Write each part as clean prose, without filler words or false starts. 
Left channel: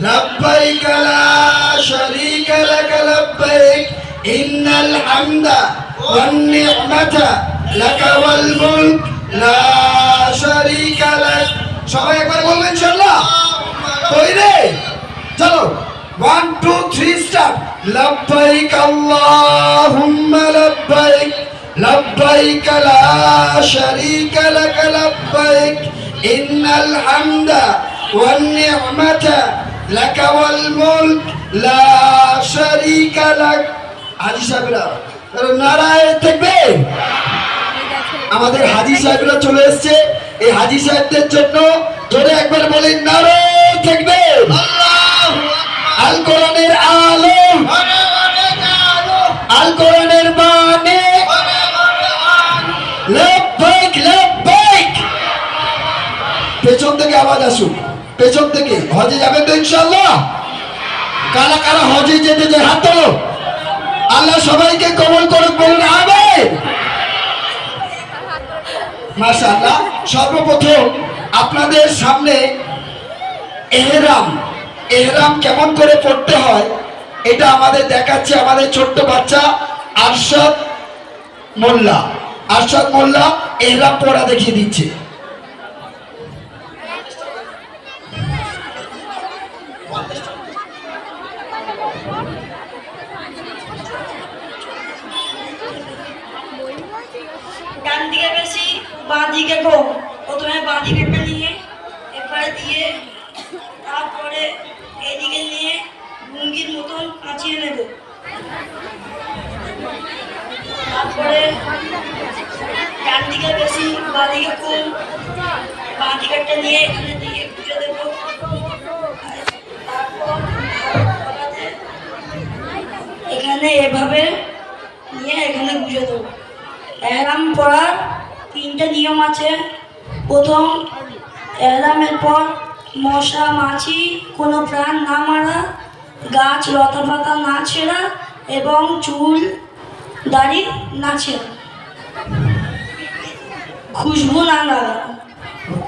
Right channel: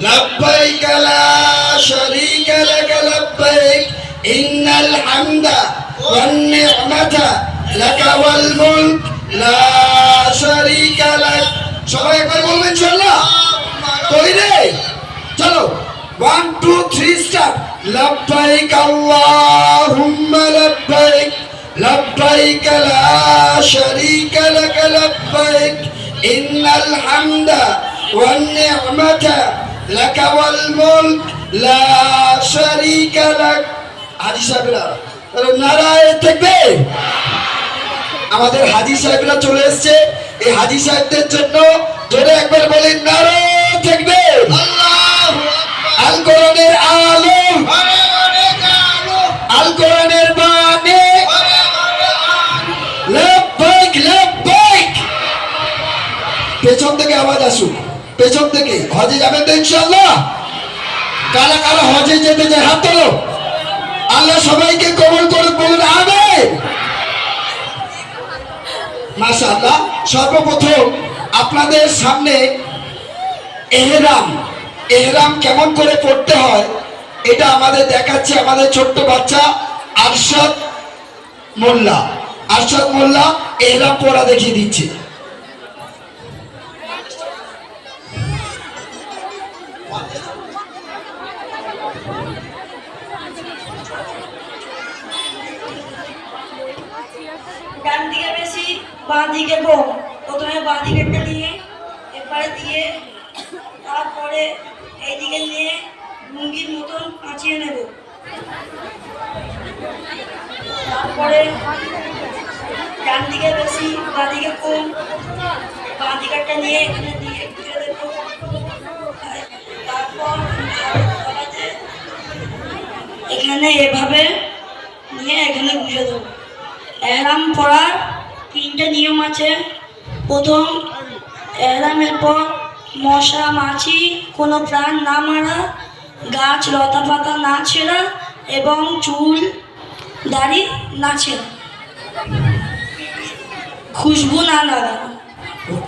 لبيك لا شريك لك لبيك إن الحمد والنعمة لك والملك لا شريك لك সবাই একবার বলবেন ইনশাআল্লাহ কই রে চলো 1 2 3 স্টার্ট لبيك اللهم لبيك لبيك لا شريك لك لبيك إن الحمد والنعمة لك والملك لا شريك لك হাজী সাহেবরা নারায়ে তাকবীর আমাদের হাজী সাহেবরা চলে এসেছে এই হাজী সাহেবদের জন্য জোরে একবার বলেন নারায়ে তাকবীর আল্লাহু আকবার আল কোরআনের আলো আল কোরআনের বাণী লব্বাইক লব্বাইক পেছন থেকে আওয়াজ আসুক পেছন থেকে হজে যাবেন তো ইনশাআল্লাহ কারা কারা হজে যেতে চায় হাত তোলো আল্লাহ সবাইকে কবুল করুক বলুন আমিন মাশাআল্লাহ সর্বপ্রথম আপনাদের সামনে ইহরাম কেমন করে পড়তে হয় এটা আমাদের দেখাচ্ছে আমাদের ছোট্ট বাচ্চা আরশাদ মোল্লা ইহরাম পড়া দেখিয়ে দিচ্ছে ডান দিকে বেশি বাঁ দিকে কম প্রথমে বাঁ দিকেরটা নিয়ে এপারে দিয়ে তারপরে এদিকে নিয়ে লুঙ্গির মতন পাঁচিয়ে নেব তারপরে ডান দিকে বেশি বাঁ দিকে কম বাঁ দিকেরটা নিয়ে এখানে দিয়ে ঘুরে দেব তারপর এখানে এভাবে নিয়ে এখানে ঘুরে দেবো ইহরাম পড়ার তিনটে নিয়ম আছে প্রথম ইহরামের পর মশা মাছি কোনো প্রাণ না মারা গাছ লতা পাতা না ছেঁড়া এবং চুল দাড়ি না ছেঁড়া খুশবু না লাগানো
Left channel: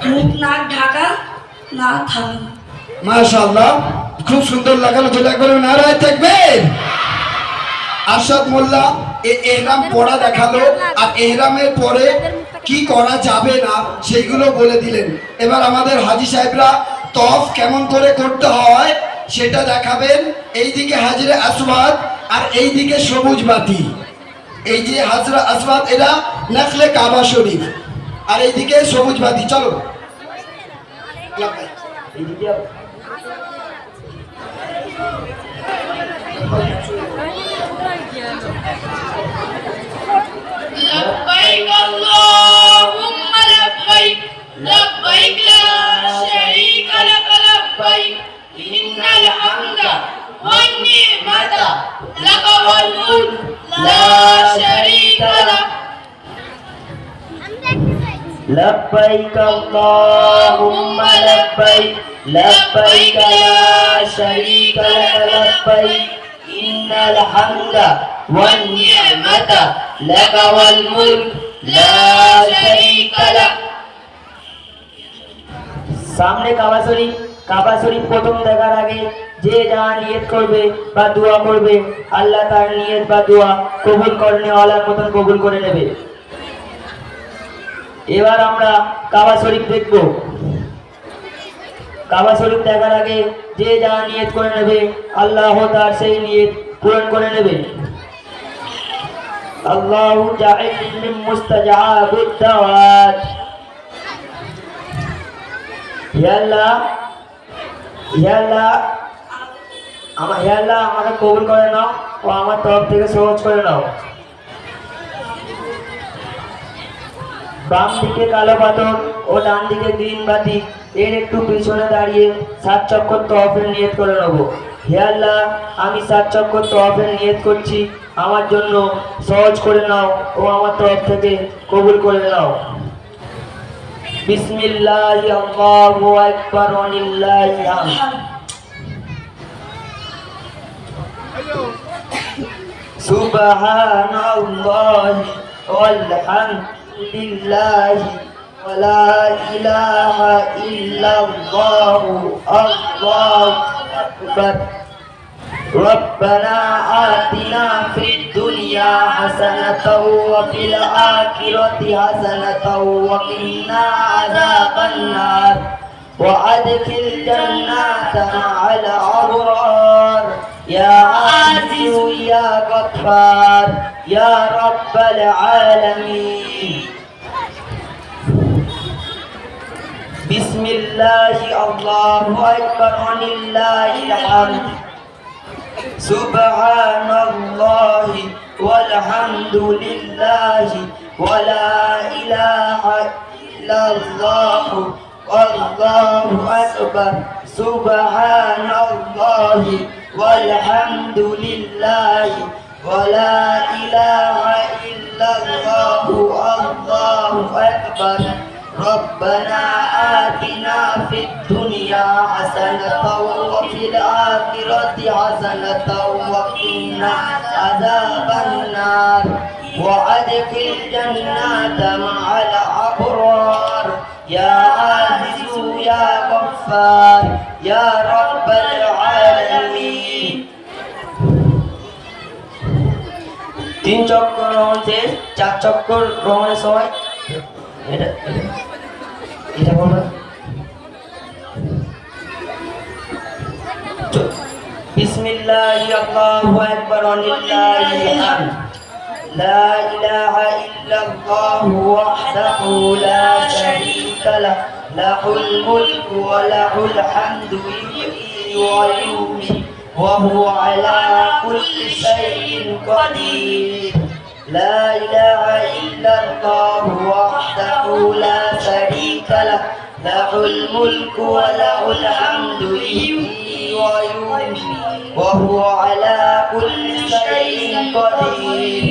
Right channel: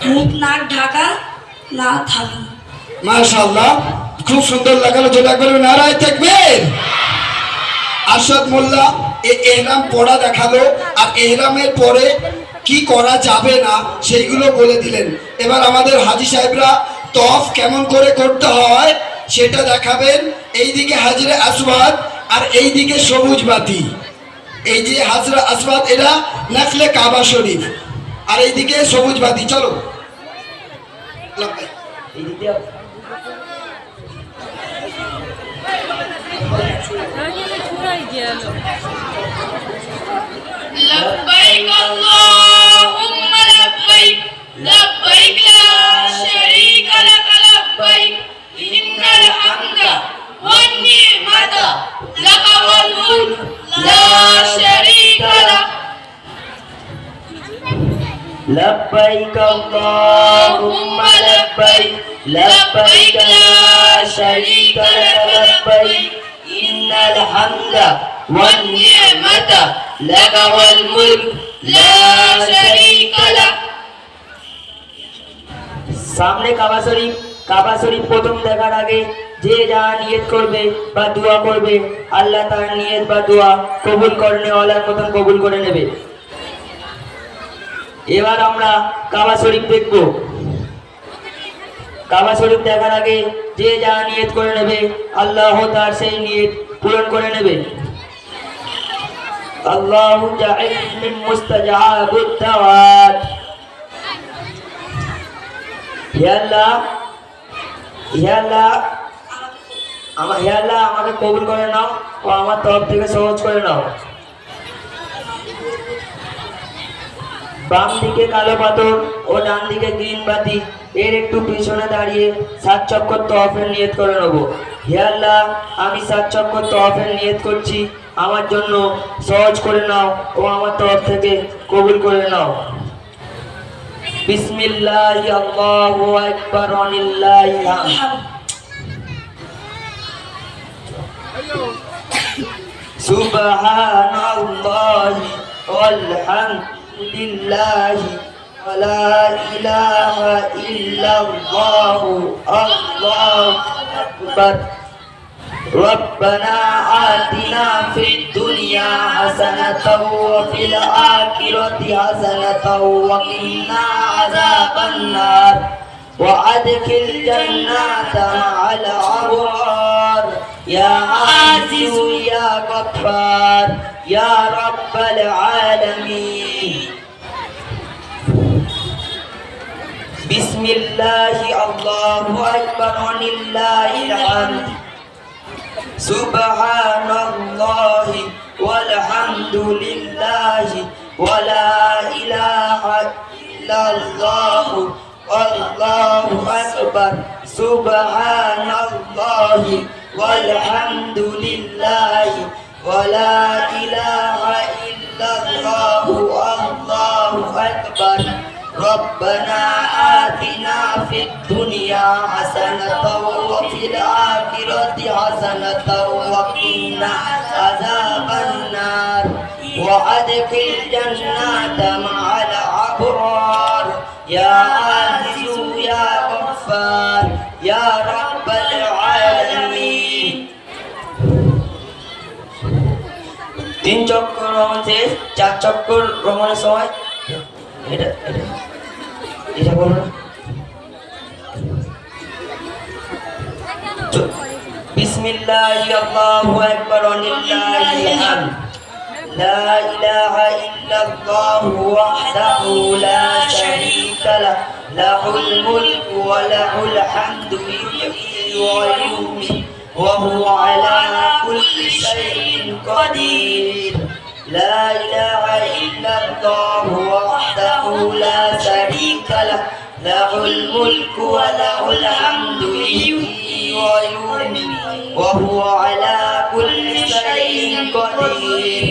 মুখ নাক ঢাকা না থাকা মাশাআল্লাহ খুব সুন্দর লাগালো যেটা একবার নারায়ে তাকবীর আরশাদ মোল্লা ইহরাম পড়া দেখালো আর ইহরামের পরে কি করা যাবে না সেইগুলো বলে দিলেন এবার আমাদের হাজী সাহেবরা তওয়াফ কেমন করে করতে হয় সেটা দেখাবেন এইদিকে হাজরে আসওয়াদ আর এইদিকে সবুজ বাতি এই যে হাজরা আসওয়াদ এরা নফলে কাবা শরীফ আর এইদিকে সবুজ বাতি চলো এইদিকে لبيك اللهم لبيك لبيك لا شريك لك لبيك إن الحمد والنعمة لك والملك لا شريك لك لبيك اللهم لبيك لبيك لا شريك لك لبيك إن الحمد والنعمة لك والملك لا شريك لك সামনে কাবা শরীফ প্রথম দেখার আগে যে যা নিয়ত করবে বা দোয়া করবে আল্লাহ তার নিয়ত বা দোয়া কবুল করে নেওয়ালার মতন কবুল করে নেবে এবার আমরা কাবা শরীফ দেখব কাবা শরীফ দেখার আগে যে যা নিয়ত করে নেবে আল্লাহ তার সেই নিয়ত পূরণ করে নেবে আল্লাহু জাআল মিন মুস্তাজাবিদ দাওয়াত হে আল্লাহ আমাকে কবুল করে নাও ও আমার তরফ থেকে সহজ করে নাও বাম দিকে কালো পাথর ও ডান দিকে গ্রিন বাতি এর একটু পিছনে দাঁড়িয়ে 7 চক্কর তওয়াফের নিয়ত করে নেব হে আল্লাহ আমি 7 চক্কর তওয়াফের নিয়ত করছি আমার জন্য সহজ করে নাও ও আমার তরফ থেকে কবুল করে নাও বিসমিল্লাহি আল্লাহু আকবার ওয়ালিল্লাহি হামদ সুবহানাল্লাহি ওয়ালহামদুলিল্লাহি ওয়ালা ইলাহা ইল্লাল্লাহু আল্লাহু أكبر ربنا آتنا في الدنيا حسنة وفي الآخرة حسنة وقنا عذاب النار وأدخل جنات مع الأبرار يا عزيز يا غفار يا رب العالمين بسم الله الله أكبر ولله الحمد سبحان الله والحمد لله ولا إله إلا الله الله أكبر سبحان الله والحمد لله ولا إله إلا الله الله أكبر ربنا آتنا في الدنيا حسنة وفي الآخرة حسنة وقنا عذاب النار وأدخل جنات مع الأبرار يا عزيز يا غفار يا رب العالمين তিন চক্কর রমণ শেষ, 4 চক্কর রমণের সময় এটা করবো না। বিসমিল্লাহি আল্লাহু আকবার ওয়ালিল্লাহিল হামদ লা ইলাহা ইল্লাল্লাহু ওয়াহদাহু লা শারীকা লাহ লাহুল মুলকু ওয়া লাহুল হামদু ইউহয়ী ওয়া yumiitu ওয়া হুয়া আলা কুল্লি শাইইন কাদির لا إله إلا الله وحده لا شريك له له الملك وله الحمد يحيي ويميت وهو على كل شيء قدير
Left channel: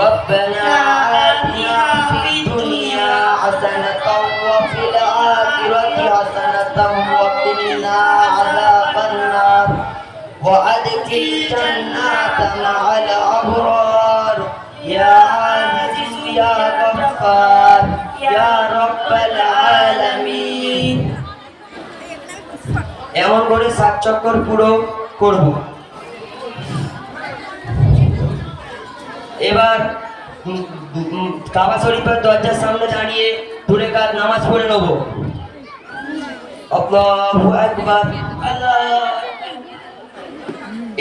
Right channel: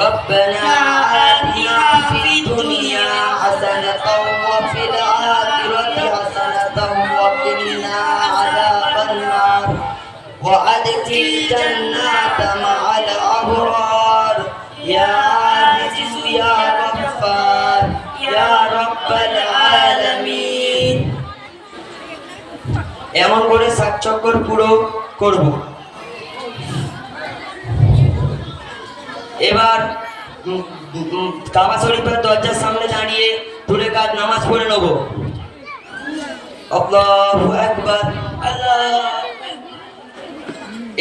ربنا آتنا في الدنيا حسنة وفي الآخرة حسنة وقنا عذاب النار وأدخل جنات مع الأبرار يا عزيز يا غفار يا رب العالمين এমন করে 7 চক্কর পুরো করব। এবার কাবা শরীফের দরজার সামনে দাঁড়িয়ে 2 রাকাত নামাজ পড়ে নেব। আল্লাহু আকবার আল্লাহ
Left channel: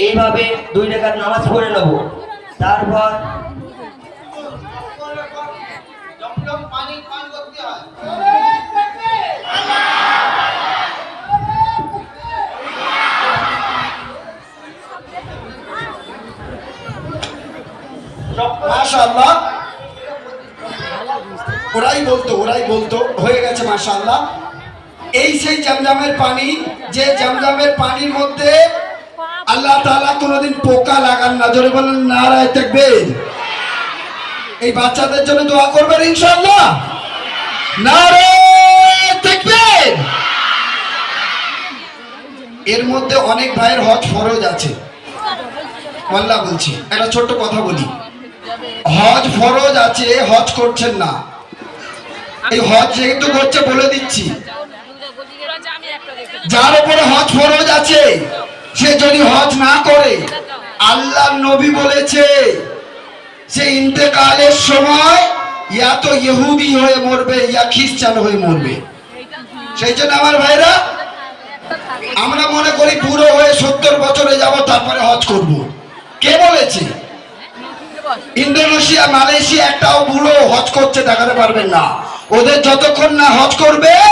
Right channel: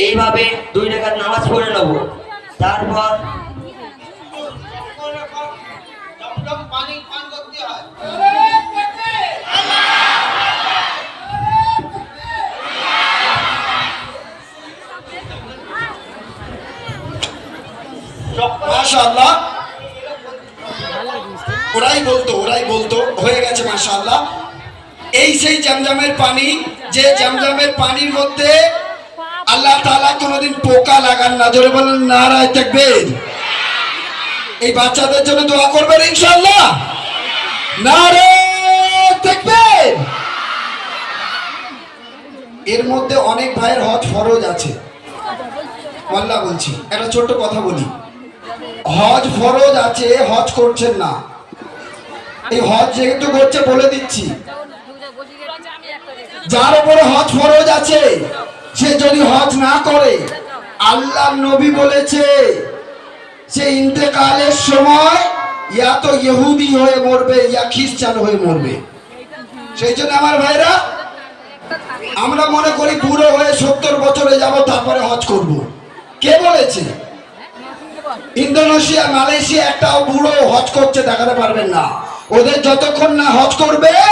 এইভাবে 2 রাকাত নামাজ পড়ে নেব। তারপর পানি পান করতে হয়। মাশাআল্লাহ ওরাই বলতো হয়ে গেছে মাশাআল্লাহ। এই সেই জমজমের পানি, যে জমজমের পানির মধ্যে আল্লাহ তাআলা কোনোদিন পোকা লাগান না। জোরে বলেন নারায়ে তাকবীর। এই বাচ্চাদের জন্য দোয়া করবেন ইনশাআল্লাহ। নারায়ে তাকবীর। এর মধ্যে অনেক ভাইয়ের হজ ফরজ আছে। আল্লাহ বলছি একটা ছোট্ট কথা বলি, হজ ফরজ আছে, হজ করছেন না। এই হজ যেহেতু করছে বলে দিচ্ছি, যার উপরে হজ ফরজ আছে সে যদি হজ না করে, আল্লাহর নবী বলেছে সে ইন্তেকালের সময় ইয়া তো ইহুদি হয়ে মরবে ইয়া খ্রিস্টান হয়ে মরবে। সেই জন্য আমার ভাইরা, আমরা মনে করি বুড়ো হয়ে 70 বছরে যাব তারপরে হজ করব। কে বলেছে? ইন্দোনেশিয়া, মালয়েশিয়া একটাও বুড়ো হজ করছে দেখাতে পারবেন না। ওদের যতক্ষণ না হজ করবে